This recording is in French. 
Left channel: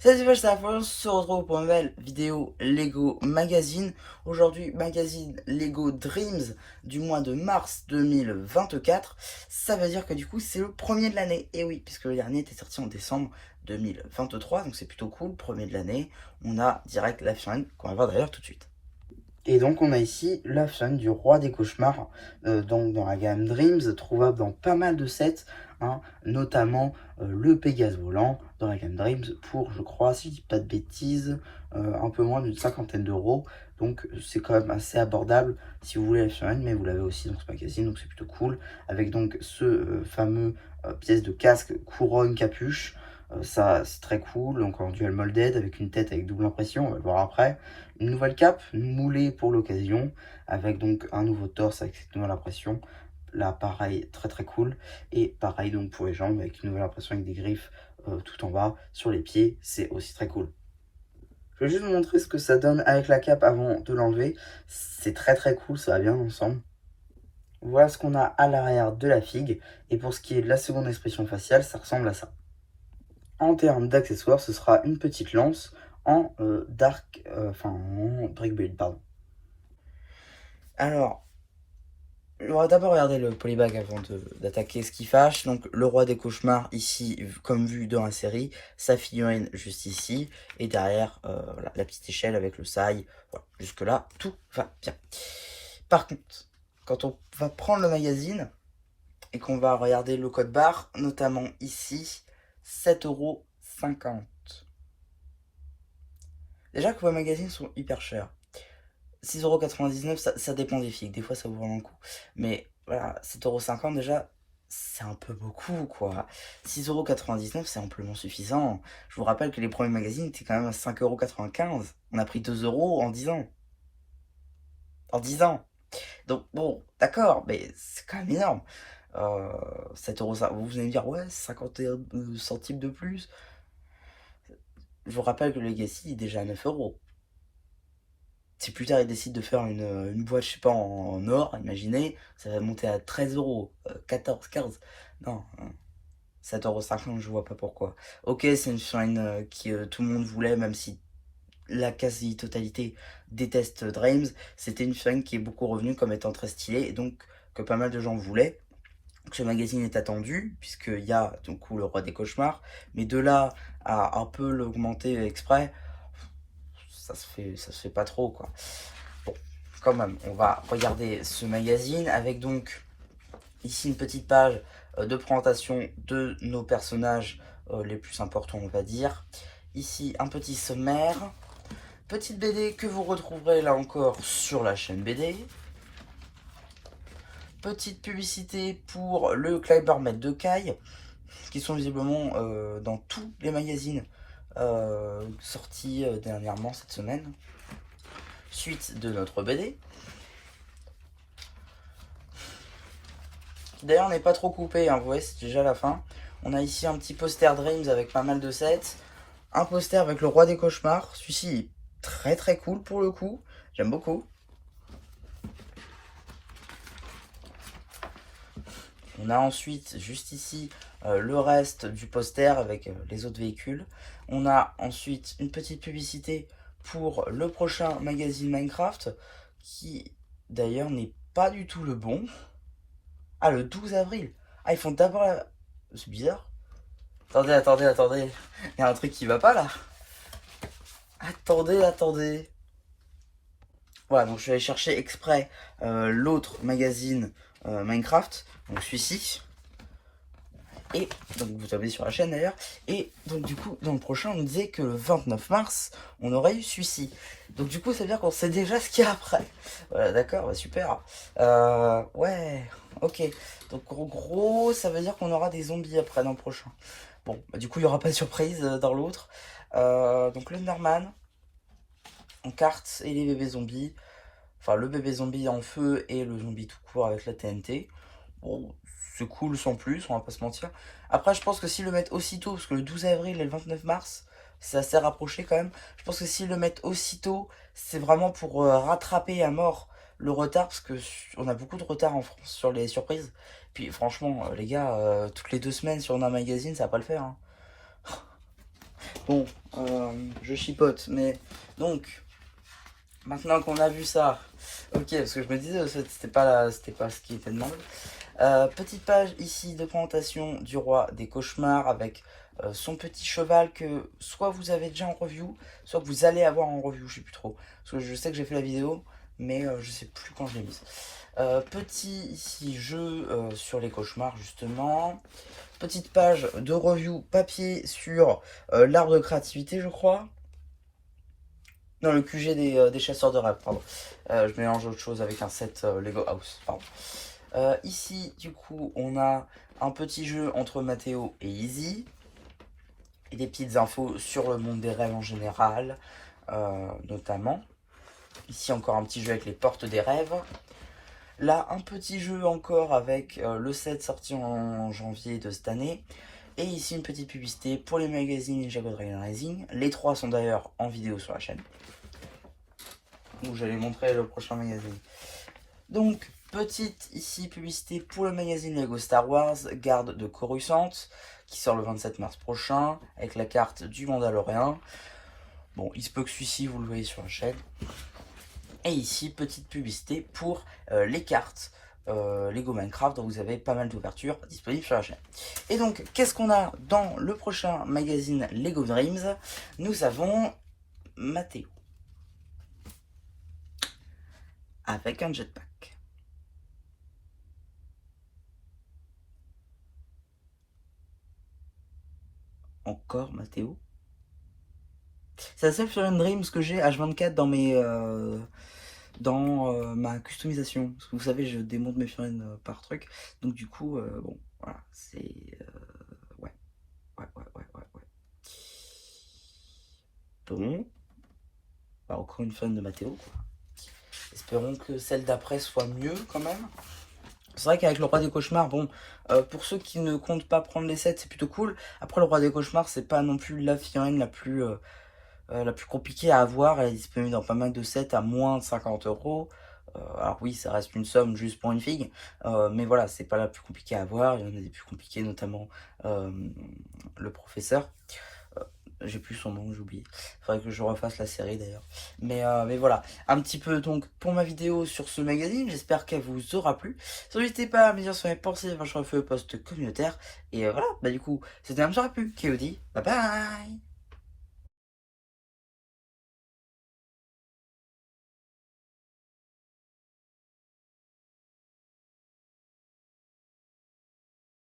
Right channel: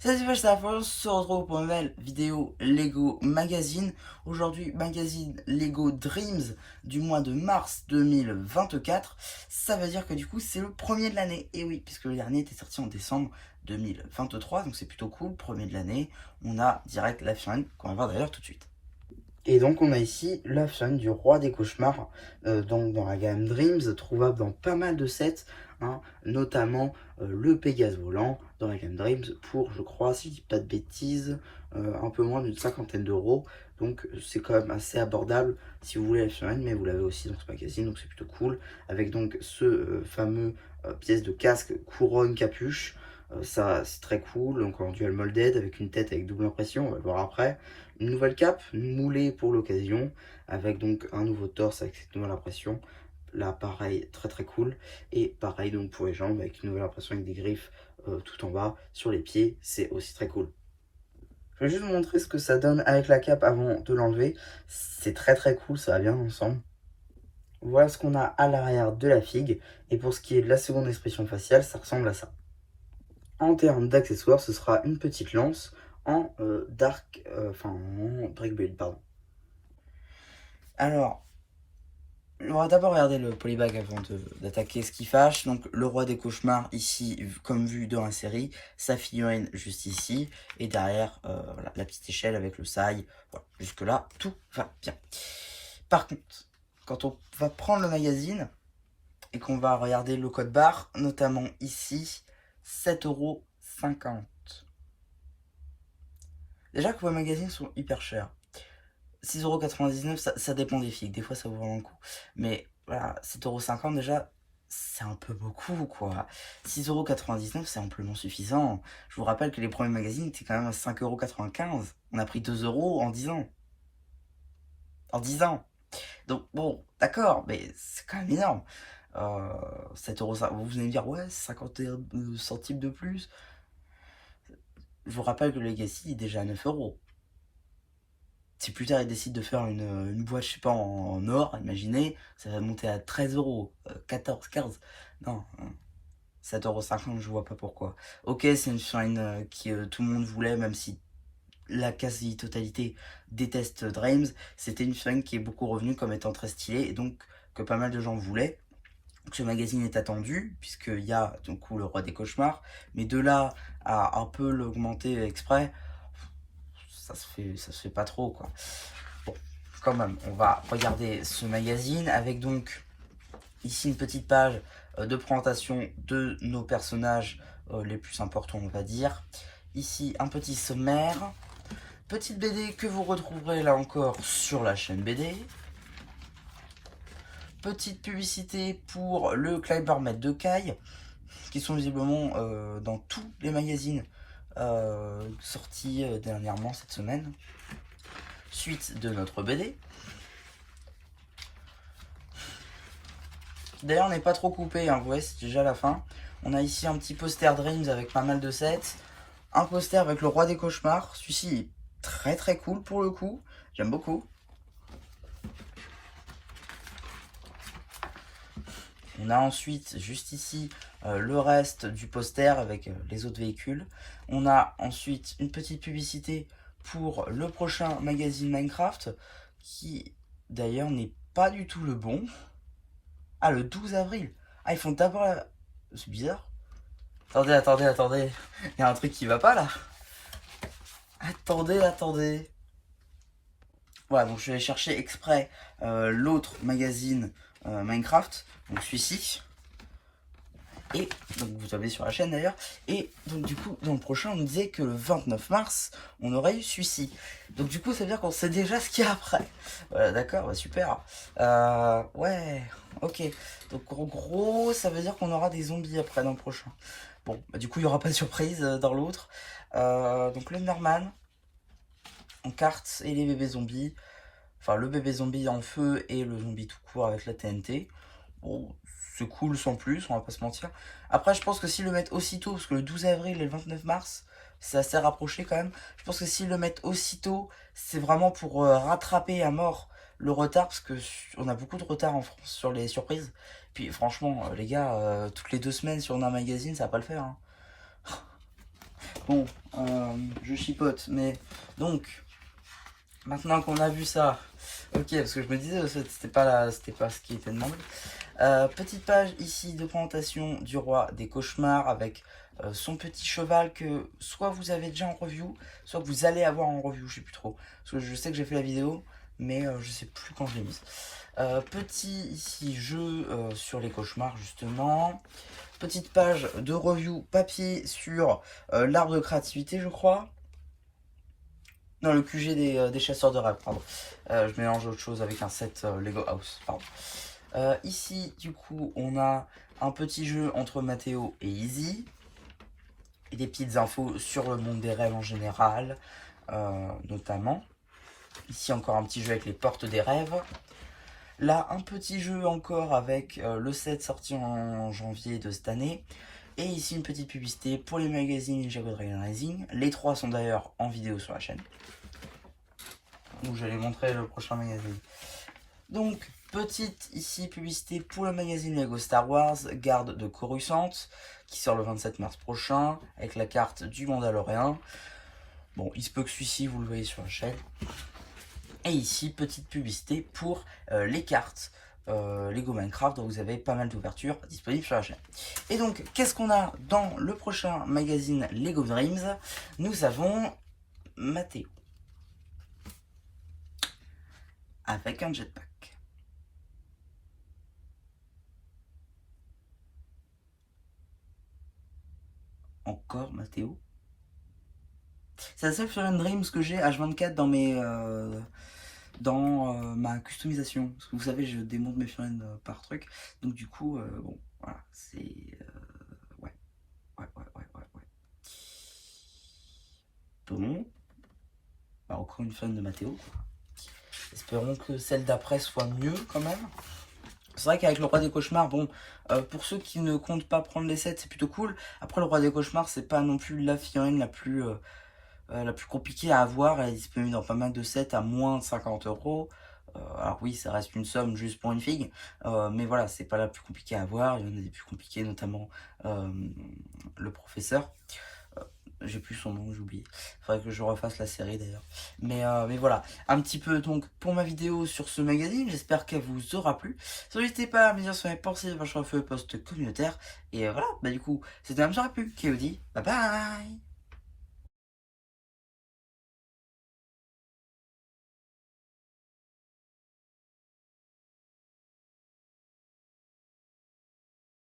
Salut, c'est la on se retrouve pour une nouvelle vidéo Lego Magazine. Aujourd'hui, magazine Lego Dreams du mois de mars 2024. Ça veut dire que du coup, c'est le premier de l'année. Et oui, puisque le dernier était sorti en décembre 2023, donc c'est plutôt cool. Premier de l'année, on a direct la fin qu'on va voir d'ailleurs tout de suite. Et donc on a ici la chaîne du roi des cauchemars, donc dans la gamme Dreams, trouvable dans pas mal de sets, hein, notamment le Pégase volant dans la gamme Dreams pour, je crois, si je dis pas de bêtises, un peu moins d'une cinquantaine d'euros. Donc c'est quand même assez abordable si vous voulez la chaîne, mais vous l'avez aussi dans ce magazine, donc c'est plutôt cool. Avec donc ce fameux pièce de casque couronne capuche. Ça c'est très cool, donc en dual molded avec une tête avec double impression, on va le voir après. Une nouvelle cape moulée pour l'occasion, avec donc un nouveau torse avec cette nouvelle impression. Là, pareil, très très cool. Et pareil donc pour les jambes, avec une nouvelle impression avec des griffes tout en bas. Sur les pieds, c'est aussi très cool. Je vais juste vous montrer ce que ça donne avec la cape avant de l'enlever. C'est très très cool, ça va bien ensemble. Voilà ce qu'on a à l'arrière de la figue. Et pour ce qui est de la seconde expression faciale, ça ressemble à ça. En termes d'accessoires, ce sera une petite lance en en brick build, pardon. Alors, on va d'abord regarder le polybag avant d'attaquer ce qui fâche. Donc, le roi des cauchemars, ici, comme vu dans la série, sa figurine juste ici, et derrière, voilà, la petite échelle avec le sail. Voilà, jusque-là, tout va bien. Par contre, quand on va prendre le magazine et qu'on va regarder le code barre, notamment ici, 7,50 €. Déjà que vos magazines sont hyper chers. 6,99 €, ça dépend des figues. Des fois, ça vaut vraiment le coup. Mais voilà, 7,50 € déjà, c'est un peu beaucoup, quoi. 6,99 €, c'est amplement suffisant. Je vous rappelle que les premiers magazines étaient quand même à 5,95 €. On a pris 2 € en 10 ans. En 10 ans. Donc, bon, d'accord, mais c'est quand même énorme. 7 €, vous allez me dire, ouais, 51 centimes de plus. Je vous rappelle que le Legacy est déjà à 9 €. Si plus tard ils décident de faire une boîte, je sais pas, en or, imaginez, ça va monter à 13 €, 14, 15. Non, 7,50 €, je vois pas pourquoi. Ok, c'est une chaîne que tout le monde voulait, même si la quasi-totalité déteste Dreams. C'était une chaîne qui est beaucoup revenue comme étant très stylée et donc que pas mal de gens voulaient. Ce magazine est attendu, puisqu'il y a donc le roi des cauchemars, mais de là à un peu l'augmenter exprès, ça se fait pas trop, quoi. Bon, quand même, on va regarder ce magazine avec donc ici une petite page de présentation de nos personnages les plus importants, on va dire. Ici, un petit sommaire. Petite BD que vous retrouverez là encore sur la chaîne BD. Petite publicité pour le Climbermètre de Kai, qui sont visiblement dans tous les magazines sortis dernièrement cette semaine. Suite de notre BD. D'ailleurs, on n'est pas trop coupé, hein, vous voyez, c'est déjà la fin. On a ici un petit poster Dreams avec pas mal de sets. Un poster avec le roi des cauchemars. Celui-ci est très très cool pour le coup. J'aime beaucoup. On a ensuite, juste ici, le reste du poster avec les autres véhicules. On a ensuite une petite publicité pour le prochain magazine Minecraft, qui d'ailleurs n'est pas du tout le bon. Ah, le 12 avril. Ah, ils font d'abord la... C'est bizarre. Attendez, attendez, attendez. Il y a un truc qui va pas là. Attendez, attendez. Voilà, donc je vais aller chercher exprès l'autre magazine Minecraft, donc celui-ci. Et donc vous avez sur la chaîne d'ailleurs. Et donc du coup, dans le prochain, on nous disait que le 29 mars, on aurait eu celui-ci. Donc du coup, ça veut dire qu'on sait déjà ce qu'il y a après. Voilà, d'accord, bah, super. Ouais, ok. Donc en gros, ça veut dire qu'on aura des zombies après dans le prochain. Bon, bah, du coup, il n'y aura pas de surprise dans l'autre. Donc le Norman en carte et les bébés zombies. Enfin, le bébé zombie en feu et le zombie tout court avec la TNT. Bon, c'est cool sans plus, on va pas se mentir. Après, je pense que s'ils le mettent aussitôt, parce que le 12 avril et le 29 mars, c'est assez rapproché quand même. Je pense que s'ils le mettent aussitôt, c'est vraiment pour rattraper à mort le retard, parce que on a beaucoup de retard en France sur les surprises. Puis franchement, les gars, toutes les 2 semaines, si on a un magazine, ça va pas le faire, hein. Bon, je chipote, mais donc, maintenant qu'on a vu ça, ok, parce que je me disais, c'était pas ce qui était demandé. Petite page ici de présentation du roi des cauchemars avec son petit cheval que soit vous avez déjà en review, soit que vous allez avoir en review, je sais plus trop. Parce que je sais que j'ai fait la vidéo, mais je sais plus quand je l'ai mise. Petit ici jeu sur les cauchemars justement. Petite page de review papier sur l'arbre de créativité, je crois. Non, le QG des chasseurs de rêve, pardon. Je mélange autre chose avec un set Lego House, pardon. Ici, du coup, on a un petit jeu entre Mathéo et Izzy. Et des petites infos sur le monde des rêves en général, notamment. Ici, encore un petit jeu avec les portes des rêves. Là, un petit jeu encore avec le set sorti en janvier de cette année. Et ici, une petite publicité pour les magazines Ninjago Dragon Rising. Les trois sont d'ailleurs en vidéo sur la chaîne. Donc, j'allais montrer le prochain magazine. Donc, petite ici publicité pour le magazine Lego Star Wars, Garde de Coruscant, qui sort le 27 mars prochain, avec la carte du Mandalorian. Bon, il se peut que celui-ci, vous le voyez sur la chaîne. Et ici, petite publicité pour les cartes Lego Minecraft, dont vous avez pas mal d'ouvertures disponibles sur la chaîne. Et donc, qu'est-ce qu'on a dans le prochain magazine Lego Dreams? Nous avons Mathéo avec un jetpack. Encore Mathéo. C'est la seule Furion Dreams que j'ai H24 dans ma customisation. Parce que vous savez, je démonte mes figurines par truc. Donc du coup, bon, voilà, c'est... ouais. Bon. Bah, encore une figurine de Mathéo. Espérons que celle d'après soit mieux quand même. C'est vrai qu'avec le roi des cauchemars, bon, pour ceux qui ne comptent pas prendre les sets, c'est plutôt cool. Après, le roi des cauchemars, c'est pas non plus la figurine la plus compliquée à avoir. Elle est disponible dans pas mal de sets à moins de 50 €. Alors oui, ça reste une somme juste pour une figue, mais voilà, c'est pas la plus compliquée à avoir. Il y en a des plus compliquées, notamment le professeur. J'ai plus son nom, j'ai oublié. Faudrait que je refasse la série d'ailleurs. Mais voilà, un petit peu donc pour ma vidéo sur ce magazine. J'espère qu'elle vous aura plu. N'hésitez pas à me dire sur mes pensées, sur le post communautaire. Et voilà, bah du coup, c'était un petit peu KOD. Bye bye.